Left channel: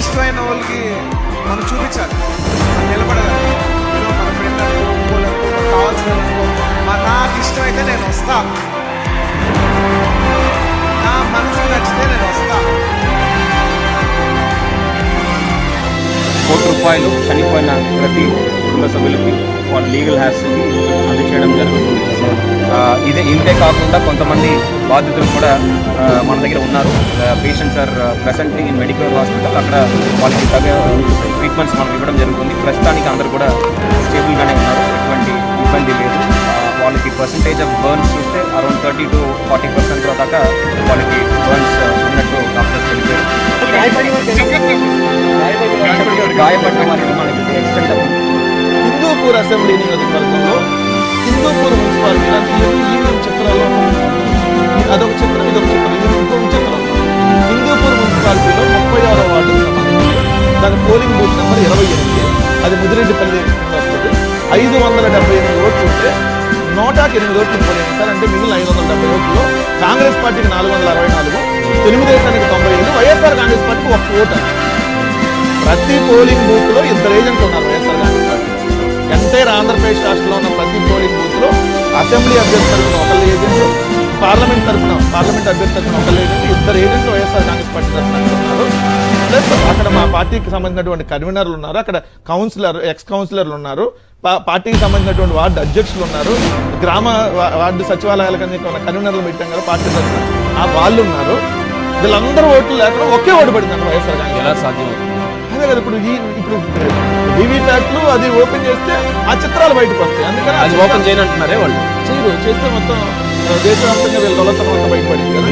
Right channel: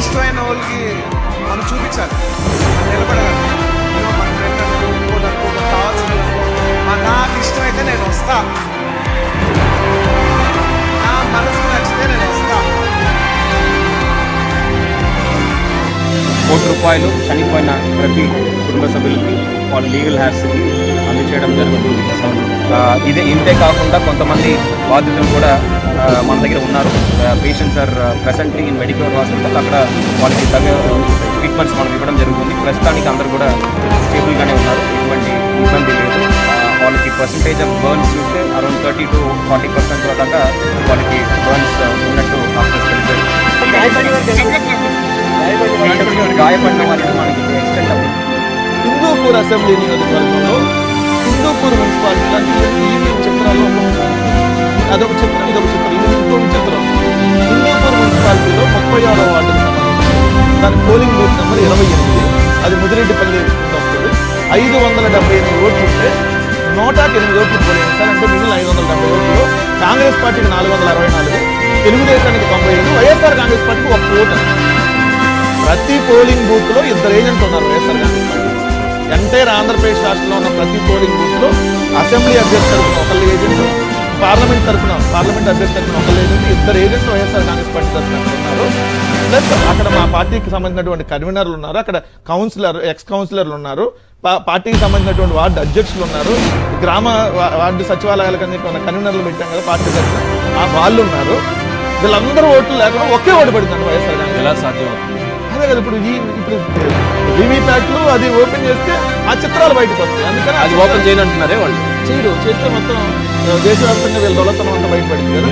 ఇష్టమైన వాళ్ళకి మనం చూపించాలి. మనం నిలబడగాలి. ఏమో మన ఫ్రెండ్ అనుకో ఇంకోలు అనుకో మనకు కావాల్సిన అనుకో మా నాకు ఇష్టమైతే నేను వస్తా. నా మనసుకు నచ్చితే నేను వస్తా. కోటి రూపాయలు చనిపోయిన ప్రతి కుటుంబ సభ్యులకి వాళ్ళ లీగల్ హ్యాస్కి అందచేయడం జరుగుతుంది. ఇదే ఇంతే కాకుండా కొంతమంది బాధితులు కూడా మన దగ్గర ఉన్నారు. Patients are presently in medical hospital అక్కడ వాళ్ళకి తగ్గ ట్రీట్మెంట్స్ మనం ఇవ్వడం జరుగుతుంది. ప్రస్తుతానికి అందరూ కూడా స్టేబుల్గానే ఉన్నారు. ఎటువంటి ఇబ్బంది లేదు. వాళ్ళకి పర్సంటేజ్ ఆఫ్ బర్న్స్ చూస్తే around thirty to forty percent దాకా వాళ్ళకి బర్న్స్ ఉన్నట్టు డాక్టర్స్ తెలిపారు. గాయపడిన వారికి మనకి ఎక్స్టెంట్ అవ్వదు హిందూపూర్ అసెంబ్లీ నియోజకవర్గంలో హిందూపూర్ మున్సిపాలిటీ అంటే ఈవీఎం చిత్రాల్లో అదొక చిత్రం ఇదొక చిత్రం ఇది ఇంకో విచిత్రం. హిందూపూర్ మున్సిపాలిటీలో ముప్పై ఆరో వార్డుకు సంబంధించి దాని పోలింగ్ బూత్ నెంబర్ ఇరవై ఎనిమిది. అది ముదిరెడ్డిపల్లి కింద వస్తుంది. ఐదు వందల డెబ్బై ఎనిమిది ఓట్లు ఉంటే నూటకి ఎనిమిది ఓట్లు పోలింగ్ సార్. అంటే మిగిలిన ఐదు వందల డెబ్బై ఓట్లు కాంగ్రెస్ పార్టీకి నాలుగు వందల అరవై నాలుగు తెలుగుదేశానికి తొంభై ఐదు వైఎస్ఆర్ కాంగ్రెస్ పార్టీకి ఒక్క ఓటు. ప్రతి పోలింగ్ బూత్లో ఇద్దరు ఏజెంట్లు ఉన్నారు వైఎస్ఆర్ కాంగ్రెస్ పార్టీ. ఎంటైర్ ఆంధ్రప్రదేశ్ రాష్ట్రంలో ఉన్న ప్రతి పోలింగ్ బూత్లో అసెంబ్లీ అభ్యర్థి తరపున ఒకళ్ళు ఏజెంట్ పార్లమెంట్ తరపున పార్లమెంట్ అభ్యర్థి తరపున ఒకళ్ళు ఏజెంట్ ఇద్దరు ఏజెంట్లు వైఎస్ఆర్ కాంగ్రెస్ పార్టీ తరఫున అక్కడ ఉన్నారు. ప్లస్ అక్కడ మా పార్టీకి సంబంధించినటువంటి కన్వీనర్లు ఉన్నారు. అక్కడ కౌన్సిలర్ ఎక్స్ కౌన్సిలర్లు ఉన్నారు. పార్టీకి సంబంధించినటువంటి వార్డు అధ్యక్షులు ఉన్నారు. గ్రామ వార్డు సచివాలయాల కింద కన్వీనర్లు పెట్టాం కదా పార్టీ తరఫున ఆ వాళ్ళు ఉన్నారు. వీళ్ళందరూ ఓట్లు లేకుండా ఒకే ఓటు పడిందండి వైఎస్ఆర్ కాంగ్రెస్ ఎలా సాధ్యం అవుతుంది? అదే కదా ఇప్పుడు ఈ ఇప్పుడు వివిప్యాట్లు అది ఓపెన్ చేస్తే ఆ చిత్రాలు బయటకు వస్తాయి. అందుకని అది ఓపెన్ చేయను అంటున్నారే వాళ్ళు. చేయరు. చేస్తే మొత్తం దేశవ్యాప్తంగా వీళ్ళ దొలతనం అంతా బయటపడింది కదా.